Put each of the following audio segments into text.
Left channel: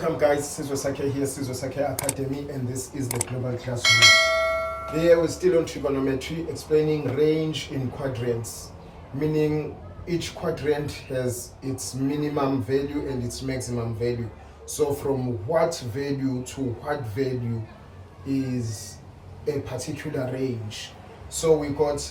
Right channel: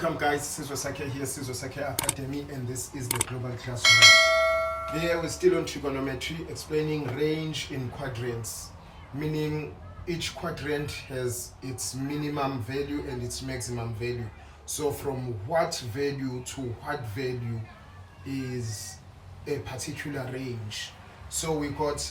Welcome guys, Sizosake here, Sizosake Academy, and this is the Global Classroom. Here we're still on trigonometry, explaining range in quadrants, meaning each quadrant has its minimum value and its maximum value. So from what value to what value is a particular range. So we got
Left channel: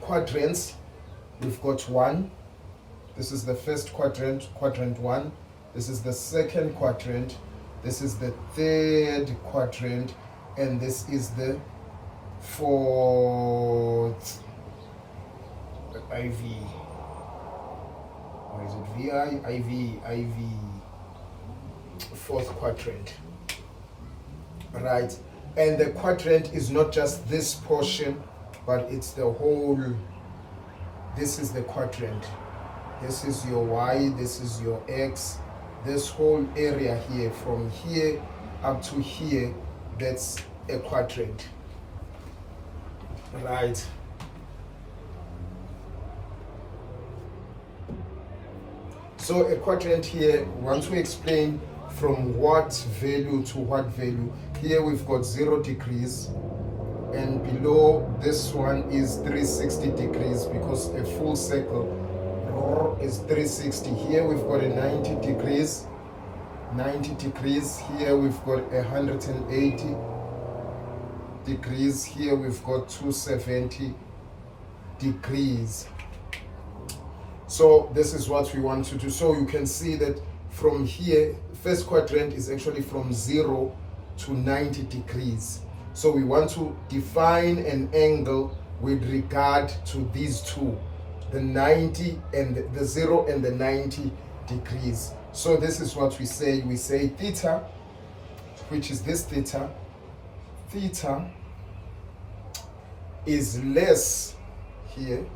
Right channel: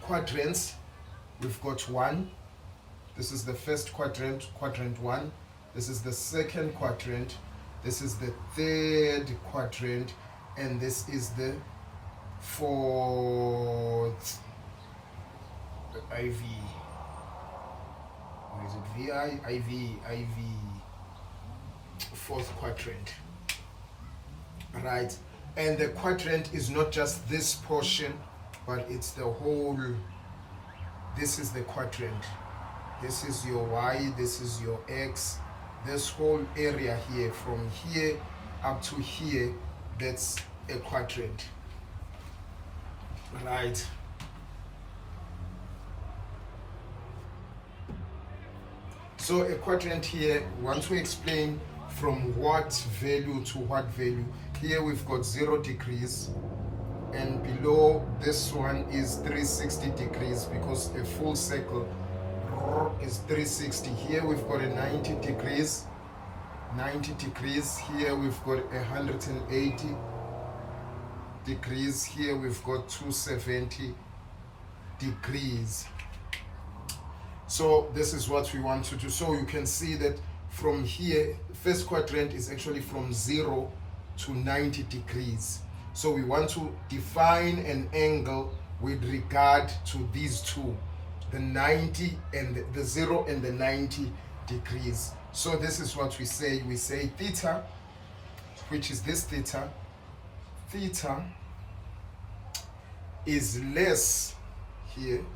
quadrants, we've got 1, this is the first quadrant, quadrant 1. This is the second quadrant, this is the third quadrant, and this is the fourth IV. Or is it VI? IV. Fourth quadrant. Right. And the quadrant is not just this portion, but it's the whole. This is the quadrant. This is your Y, this is your X. This whole area here, from here up to here, that's a quadrant. Right. So a quadrant here, once we explain from what value to what value, here we've got 0 degrees, and below this one is 360 degrees, because a full circle is 360. Here we've got a 90 degrees. Here we've got 180 degrees. Here we've got 270 degrees. So this is what we want to do. So you can see that from here, first quadrant is actually from 0 to 90 degrees. So we want to define an angle with regard to these two, the 90 and the 0 and the 90 degrees. So this is what we say. We say theta, which is this theta. Theta is less here.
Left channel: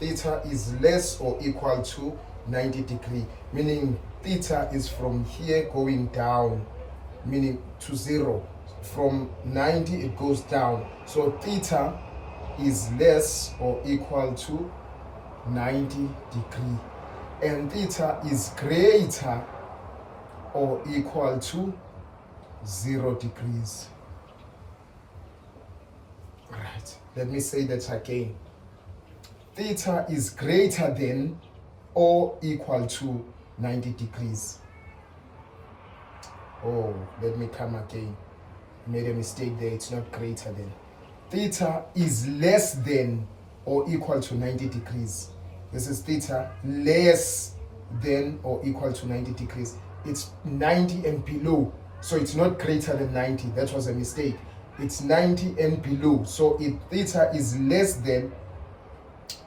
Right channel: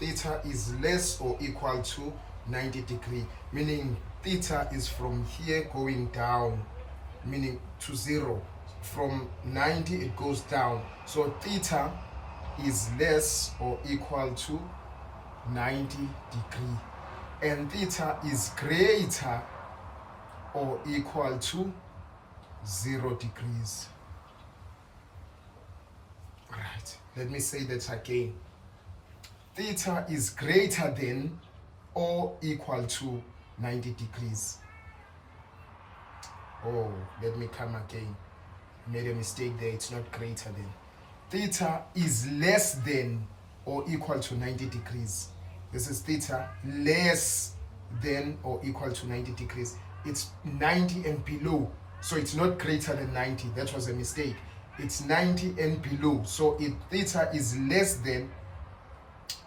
Theta is less or equal to 90 degrees, meaning theta is from here going down, meaning to 0. From 90 it goes down. So theta is less or equal to 90 degrees, and theta is greater or equal to 0 degrees. Right, let me say that again. Theta is greater than or equal to 90 degrees. Oh, let me come again. I made a mistake there. It's not greater than. Theta is less than or equal to 90 degrees. This is theta less than or equal to 90 degrees. It's 90 and below. So it's not greater than 90. That was a mistake. It's 90 and below. So if theta is less than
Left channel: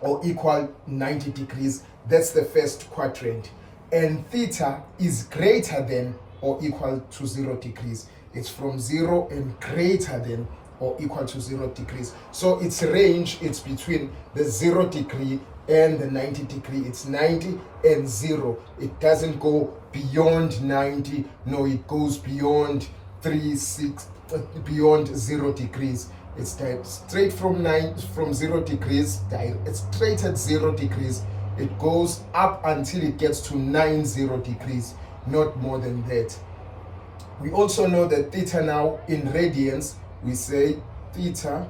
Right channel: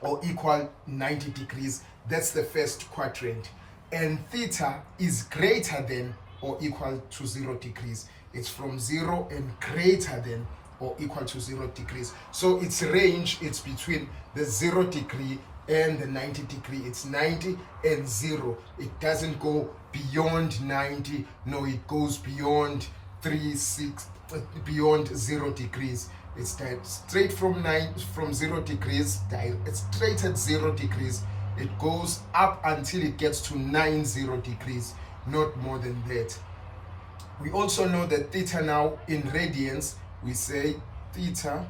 or equal 90 degrees, that's the first quadrant. And theta is greater than or equal to 0 degrees. It's from 0 and greater than or equal to 0 degrees. So its range, it's between the 0 degree and the 90 degree. It's 90 and 0. It doesn't go beyond 90. No, it goes beyond beyond 0 degrees. It's straight from 0 degrees. It's straight at 0 degrees. It goes up until it gets to 90 degrees, not more than that. We also know that theta now in radians, we say theta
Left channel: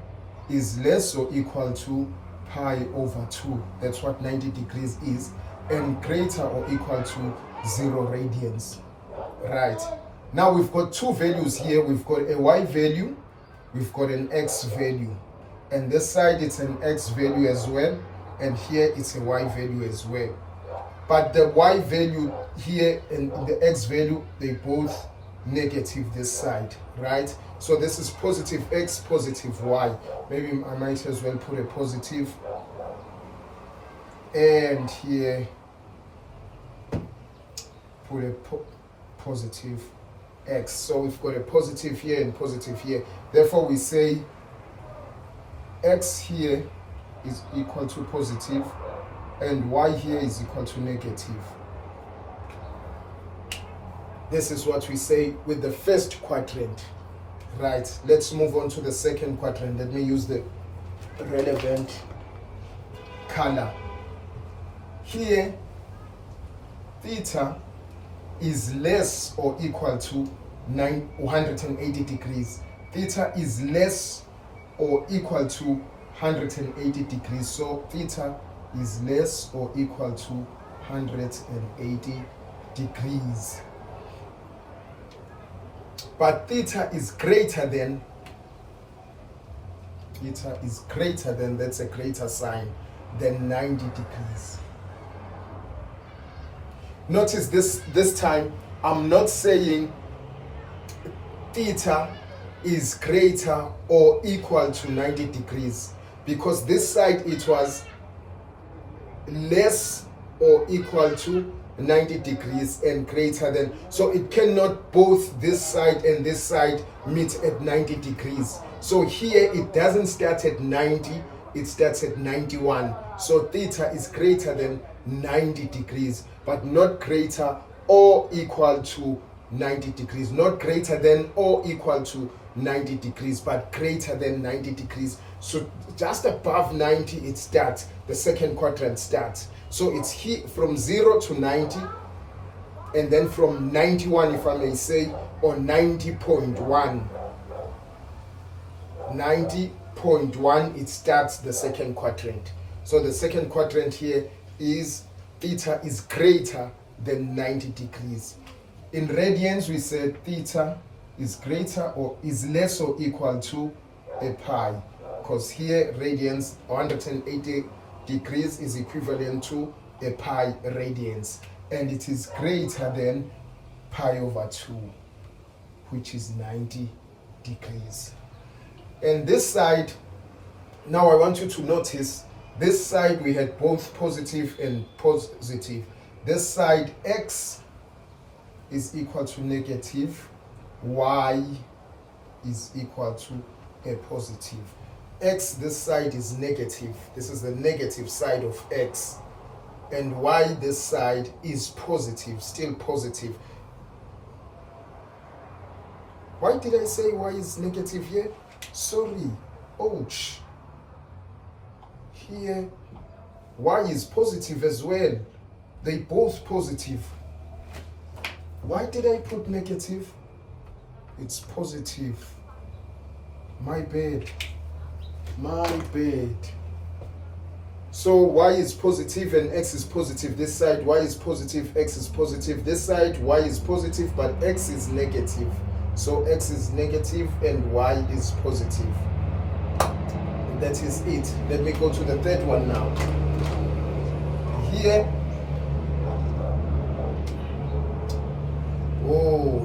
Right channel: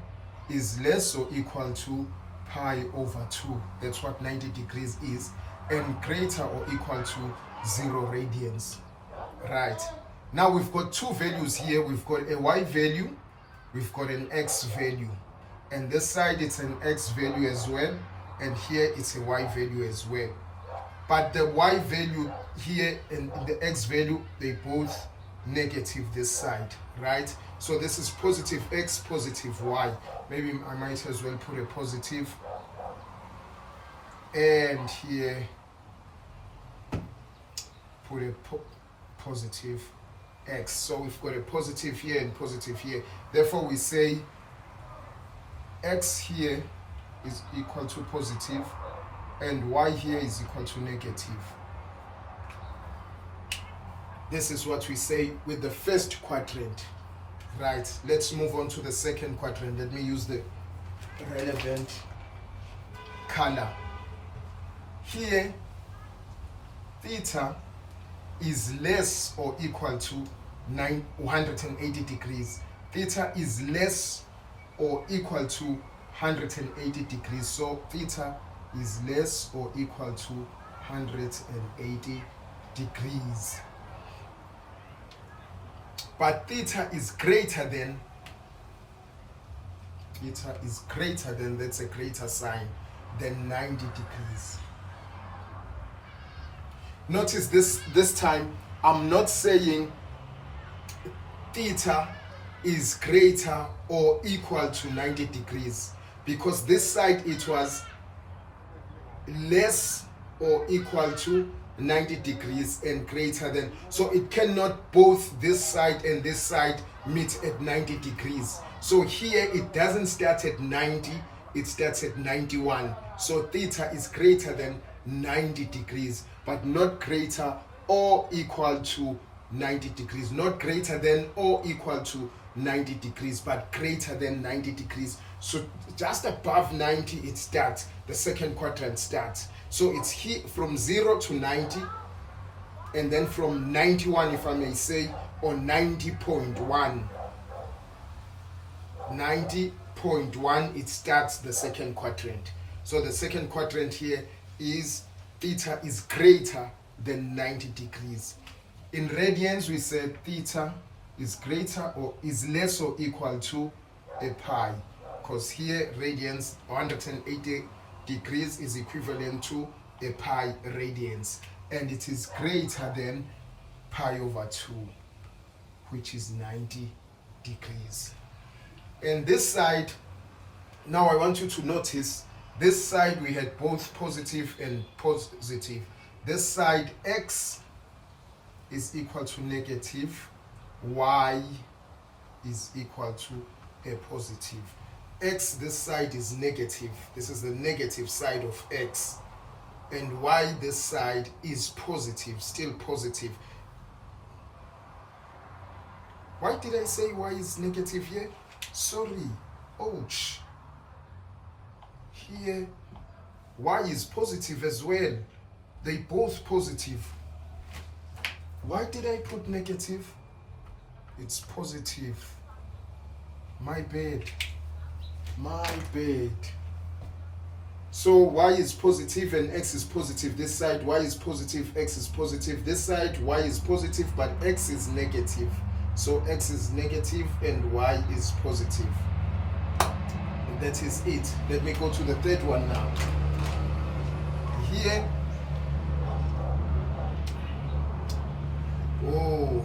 is less or equal to pi over 2. That's what 90 degrees is, and greater or equal to 0 radians. Right. Now we've got two values here. We've got a y value, we've got an x value. And this side it's an x value as well, and here it's a y value as well. But the y value here and the x value, they both negative this side, right? So this is positive x, positive y. Maybe I might as well put a positive, and here put a positive x. So we've got a positive here and positive here. Therefore we say x here is equal to positive and y here is equal to negative. This is what we say with the first quadrant. Right, let's move on to the second quadrant. Let me use the relevant color. Here, theta is less or equal to 180 degrees. Theta is less or equal to 180 degrees. So theta is less or equal to 180 degrees. But theta is greater than, that's a greater sign, than 90 degrees. Notice this time, I'm not saying theta is greater or equal to 90 degrees, because this side it was less or equal to 90 degrees and greater than, so it cannot both this side and this side meet at 90 degrees. So here it doesn't start at 90, it starts at 91. So theta is greater than 90 degrees, but not greater or equal to 90 degrees. Not greater than or equal to 90 degrees, but greater than 90 degrees. So just above 90 it starts, the second quadrant starts. So it's here from 0 to 90, and then from 91, if I may say, or 90.1, it starts the second quadrant. So the second quadrant here is theta is greater than 90 degrees. In radians, we said theta is greater or is less or equal to a pi, because here radians 180 degrees is equivalent to a pi radians, and it is greater than pi over 2, which is 90 degrees. And this side, now I want you to notice, this side we had both positive and positive. This side, x is equal to negative, y is equal to a positive. X, this side is negative. This is the negative side of x. And y, this side is positive, still positive. Why did I say y is negative here? Sorry. Ouch. Here, y is positive as well. They both positive. Why did I put negative? It's positive. My bad. So y is positive and x is positive. This side y is positive, x is positive. This side y is positive, but x is negative. So x is negative and y is positive. And that is it. Let me go to the third one now.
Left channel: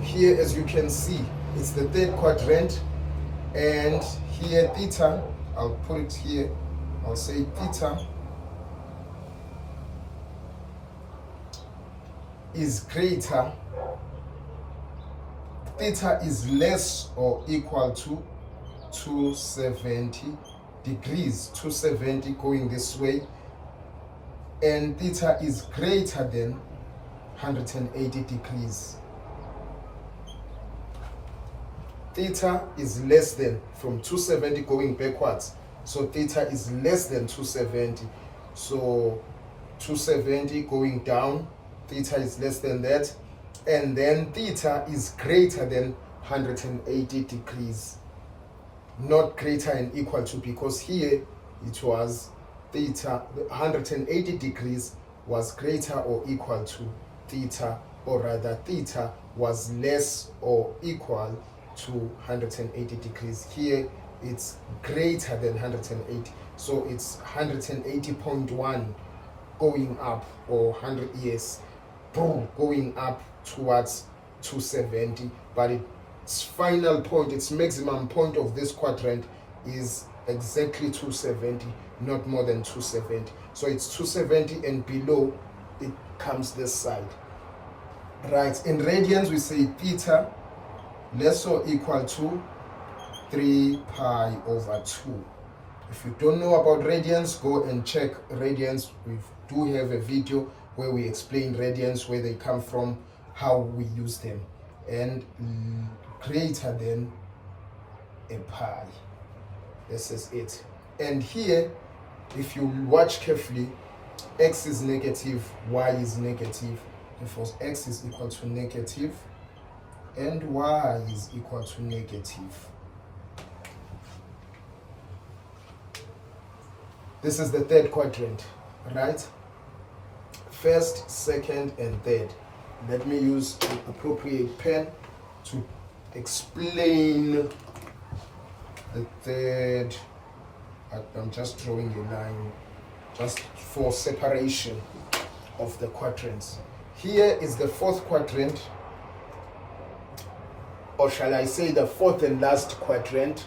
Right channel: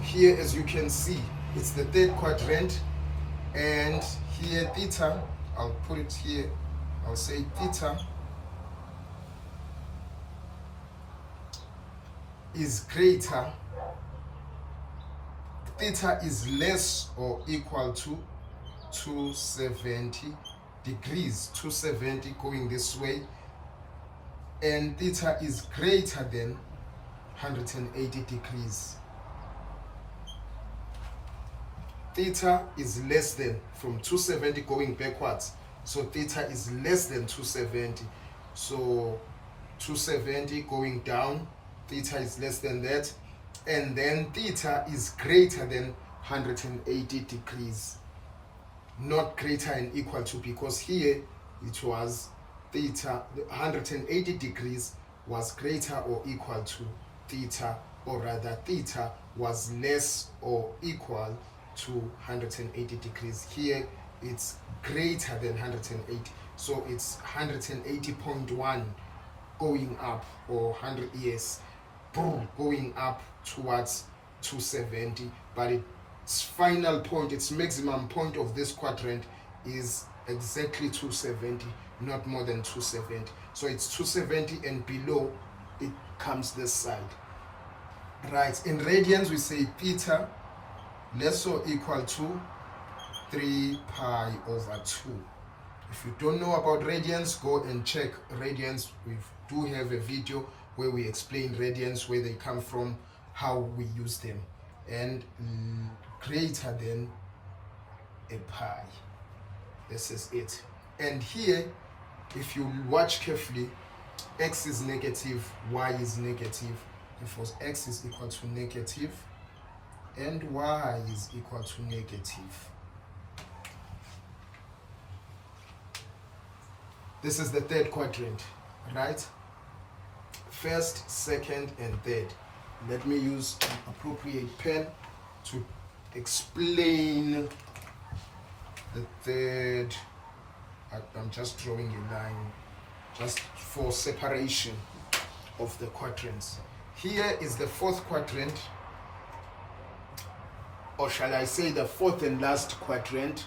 Here as you can see, it's the third quadrant, and here theta, I'll put it here, I'll say theta is greater, theta is less or equal to 270 degrees, 270 going this way, and theta is greater than 180 degrees. Theta is less than, from 270 going backwards, so theta is less than 270. So 270 going down, theta is less than that, and then theta is greater than 180 degrees. Not greater and equal to, because here it was theta, 180 degrees was greater or equal to theta, or rather theta was less or equal to 180 degrees. Here it's greater than 180, so it's 180.1 going up, or 100 years going up towards 270, but its final point, its maximum point of this quadrant is exactly 270, not more than 270. So it's 270 and below it comes this side. Right, in radians we say theta less or equal to 3 pi over 2. If you don't know about radians, go and check radians. We do have a video where we explain radians, where they come from, how we use them, and greater than a pi. This is it. And here, if you watch carefully, x is negative, y is negative, Therefore, x is equal to negative and y is equal to negative. This is the third quadrant, right? First, second, and third. Let me use an appropriate pen to explain the third. I'm just drawing a line just for separation of the quadrants. Here is the fourth quadrant, or shall I say the fourth and last quadrant,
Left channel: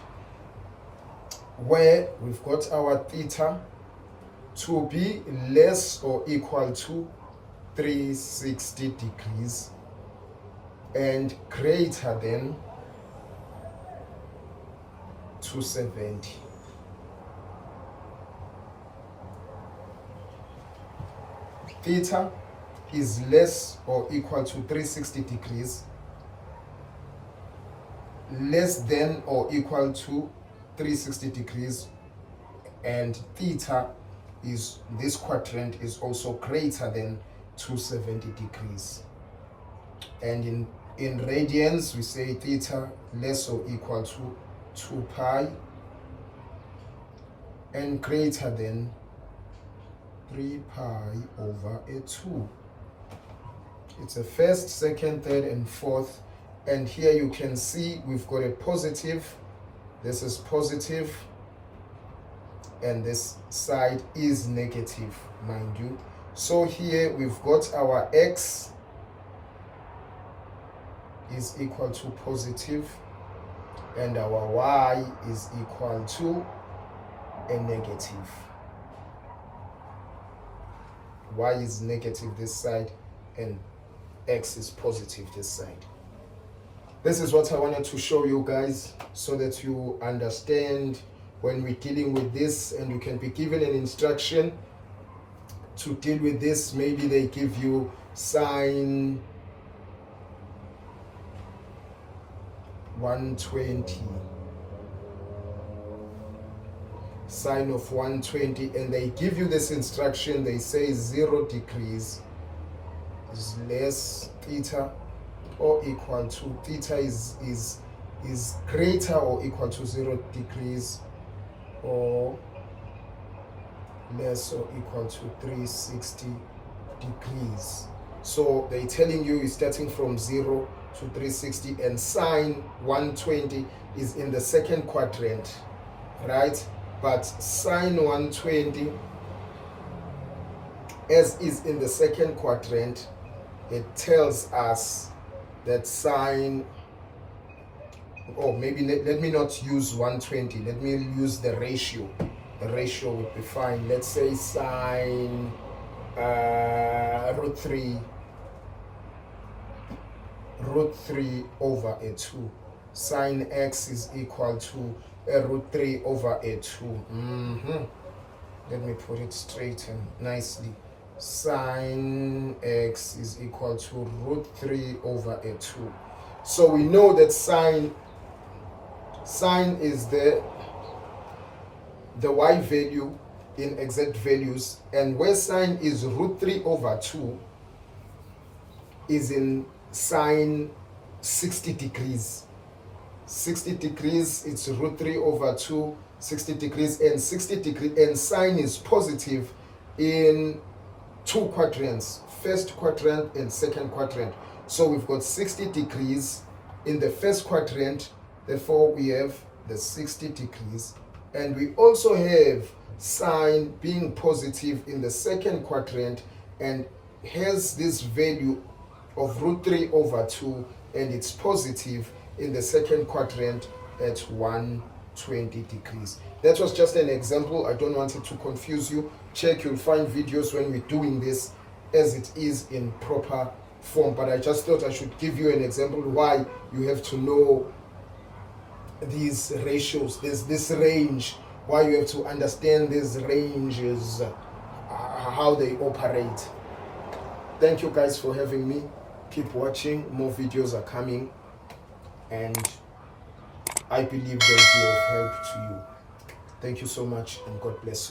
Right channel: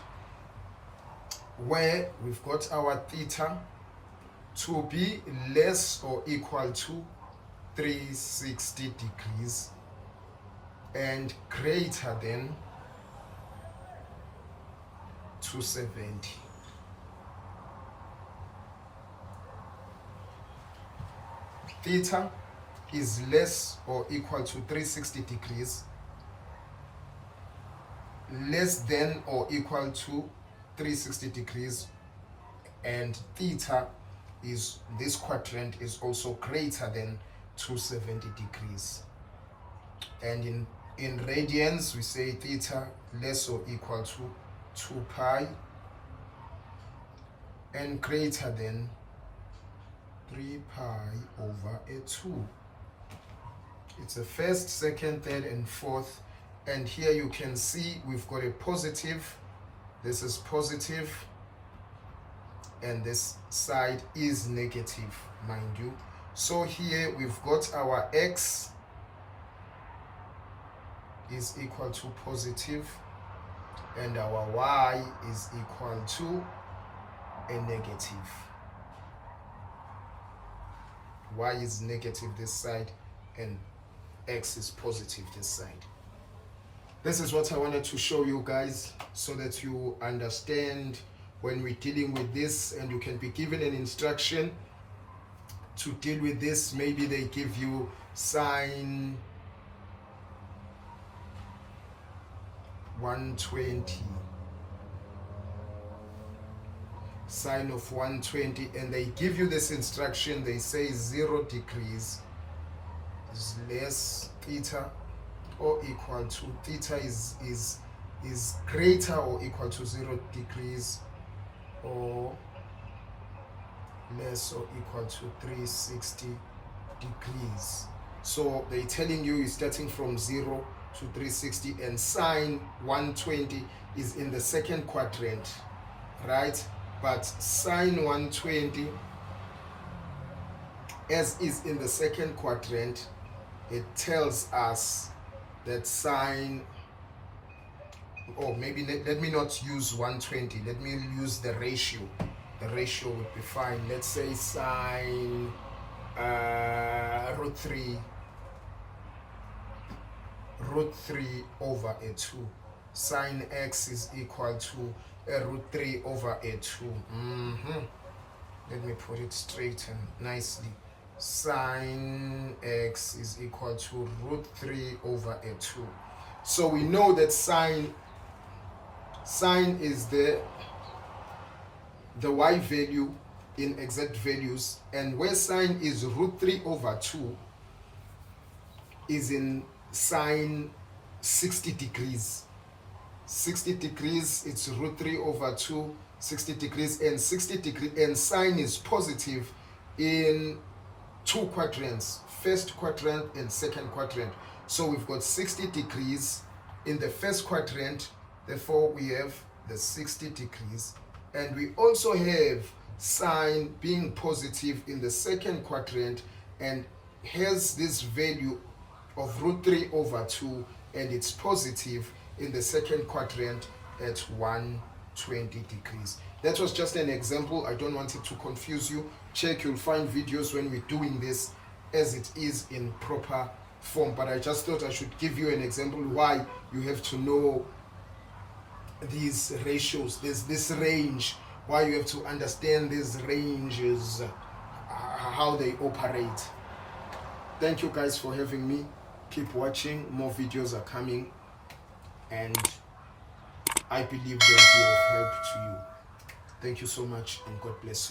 where we've got our theta to be less or equal to 360 degrees and greater than 270. Theta is less or equal to 360 degrees, less than or equal to 360 degrees, and theta is, this quadrant is also greater than 270 degrees. And in radians, we say theta less or equal to 2 pi and greater than 3 pi over a 2. It's a first, second, third, and fourth. And here you can see we've got a positive. This is positive, and this side is negative, mind you. So here we've got our x is equal to positive, and our y is equal to a negative. Y is negative this side, and x is positive this side. This is what I wanted to show you guys, so that you understand when we're dealing with this, and you can be given an instruction to deal with this. Maybe they give you sine 120, sine of 120, and they give you this instruction. They say 0 degrees is less theta or equal to, theta is greater or equal to 0 degrees or less or equal to 360 degrees. So they're telling you is starting from 0 to 360, and sine 120 is in the second quadrant, right? But sine 120, as is in the second quadrant, it tells us that sine, or maybe let me not use 120, let me use the ratio. The ratio would be fine. Let's say sine root 3 over a 2. Sine x is equal to root 3 over a 2. Let me put it straight and nicely. Sine x is equal to root 3 over a 2. So we know that sine is the y value in exact values, and where sine is root 3 over 2 is in sine 60 degrees. 60 degrees, it's root 3 over 2, 60 degrees, and 60 degrees, and sine is positive in 2 quadrants, first quadrant and second quadrant. So we've got 60 degrees in the first quadrant, therefore we have the 60 degrees, and we also have sine being positive in the second quadrant and has this value of root 3 over 2, and it's positive in the second quadrant at 120 degrees. That was just an example. I don't want it to confuse you. Check, you'll find videos when we're doing this as it is in proper form, but I just thought I should give you an example why you have to know these ratios, this range, why you have to understand these ranges, how they operate. Thank you guys for having me. Keep watching, more videos are coming, and I believe they'll be of help to you. Thank you so much, and God bless you.